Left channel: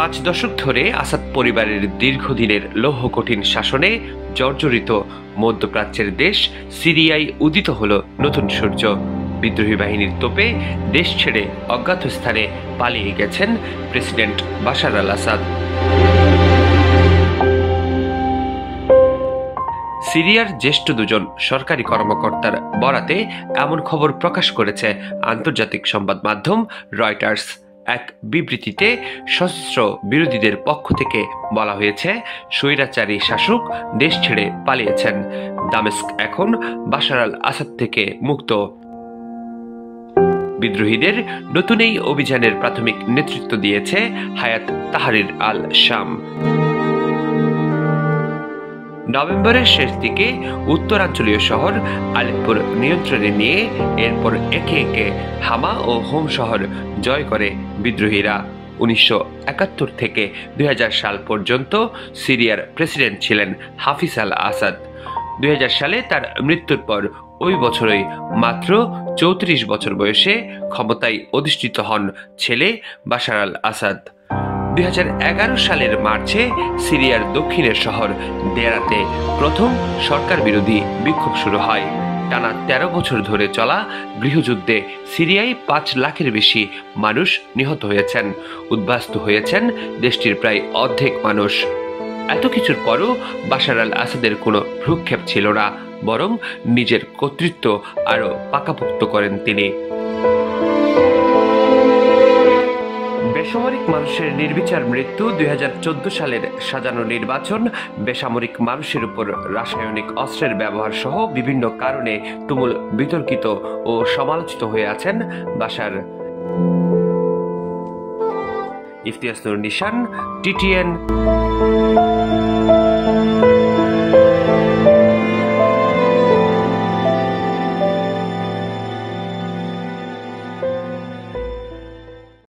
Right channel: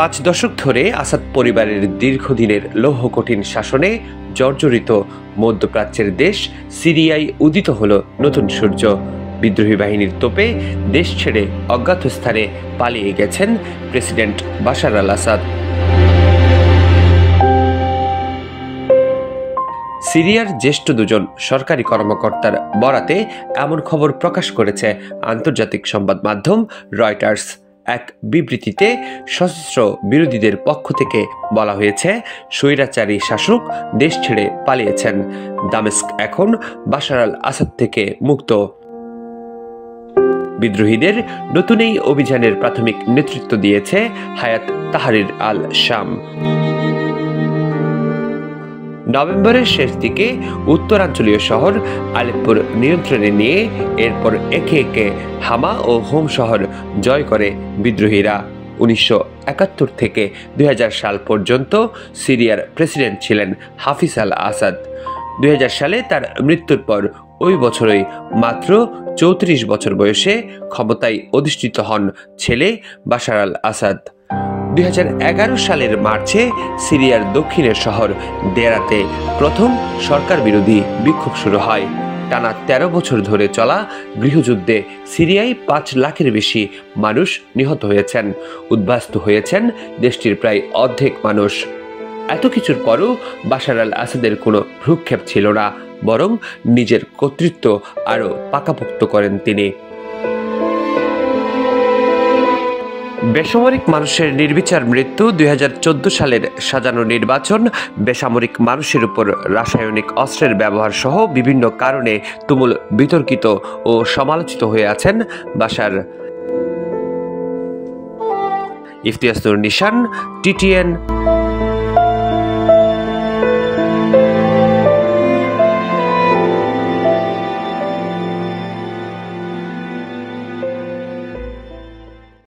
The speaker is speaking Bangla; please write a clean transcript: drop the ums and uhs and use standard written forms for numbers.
5 দশক ধরে আসাদ পরিবারের দীর্ঘদিনের লৌহ কঠিন শাসনে জর্জরিত মধ্যপ্রাচ্যের দেশ সিরিয়ায় উদিত হল নতুন সূর্য। বিদ্রোহী বাহিনীর তোপে দেশ ছেড়ে অজ্ঞাত স্থানে পালিয়ে গেছেন প্রেসিডেন্ট বাশার আল আসাদ। সিরিয়ার জ্যেষ্ঠ দুজন সরকারি কর্মকর্তার বরাতে এমন খবর প্রকাশ করেছে আন্তর্জাতিক সংবাদ মাধ্যম রয়টার্স। এক বিবৃতিতে সশস্ত্র বিরোধীদের পক্ষ থেকে বলা হয়েছে, স্বৈরাচারী শাসক দেশ ছেড়ে পালিয়েছেন। দামেস্ক এখন বাশার আল আসাদ থেকে মুক্ত। বিদ্রোহীদের নতুন এই অভিযানের প্রাথমিক নেতৃত্ব দিয়েছে হায়াত তাহরির আল শাম। নভেম্বরের শেষ দিকে উত্তরাঞ্চলীয় শহর আলেপ্পোর নিয়ন্ত্রণে নিয়ে এরপর একে একে হামা ও হোম শহর জয় করে বিদ্রোহীরা। 1971 থেকে 2000 সাল পর্যন্ত সিরিয়ার প্রেসিডেন্ট ছিলেন হাফিজ আল আসাদ। 2000 সালে তার মৃত্যুর পর ওই বছরই মাত্র 34 বছর বয়সে ক্ষমতায় অধিষ্ঠিত হন ছেলে বাশার আল আসাদ। 2011 সালের মার্চে সিরিয়ার দক্ষিণের শহর দেরাতে প্রথম সরকার বিরোধী বিক্ষোভ শুরু হয়। টানা 13 বছর ধরে চলা গৃহযুদ্ধে সিরিয়ায় 5 লাখের বেশি মানুষ নিহত হয়েছেন, উদ্বাস্তু হয়েছেন দেশটির প্রায় অর্ধেক মানুষ। এত কিছুর পরও বাশার আল আসাদের কোনো ভ্রুক্ষেপ ছিল না, বরং নিজের কর্তৃত্ব আরও পাকাপোক্ত করেন তিনি। বেসামরিক মানুষের নির্বিচার মৃত্যু, 2014 সালের সাজানো নির্বাচন, বেসামরিক মানুষের উপর রাসায়নিক অস্ত্রের ব্যবহার সহ বিভিন্ন কারণে তুমুল বিতর্কিত ও সমালোচিত হয়ে আছেন বাশার। ইফতিয়াস নূর নিশান, TTN।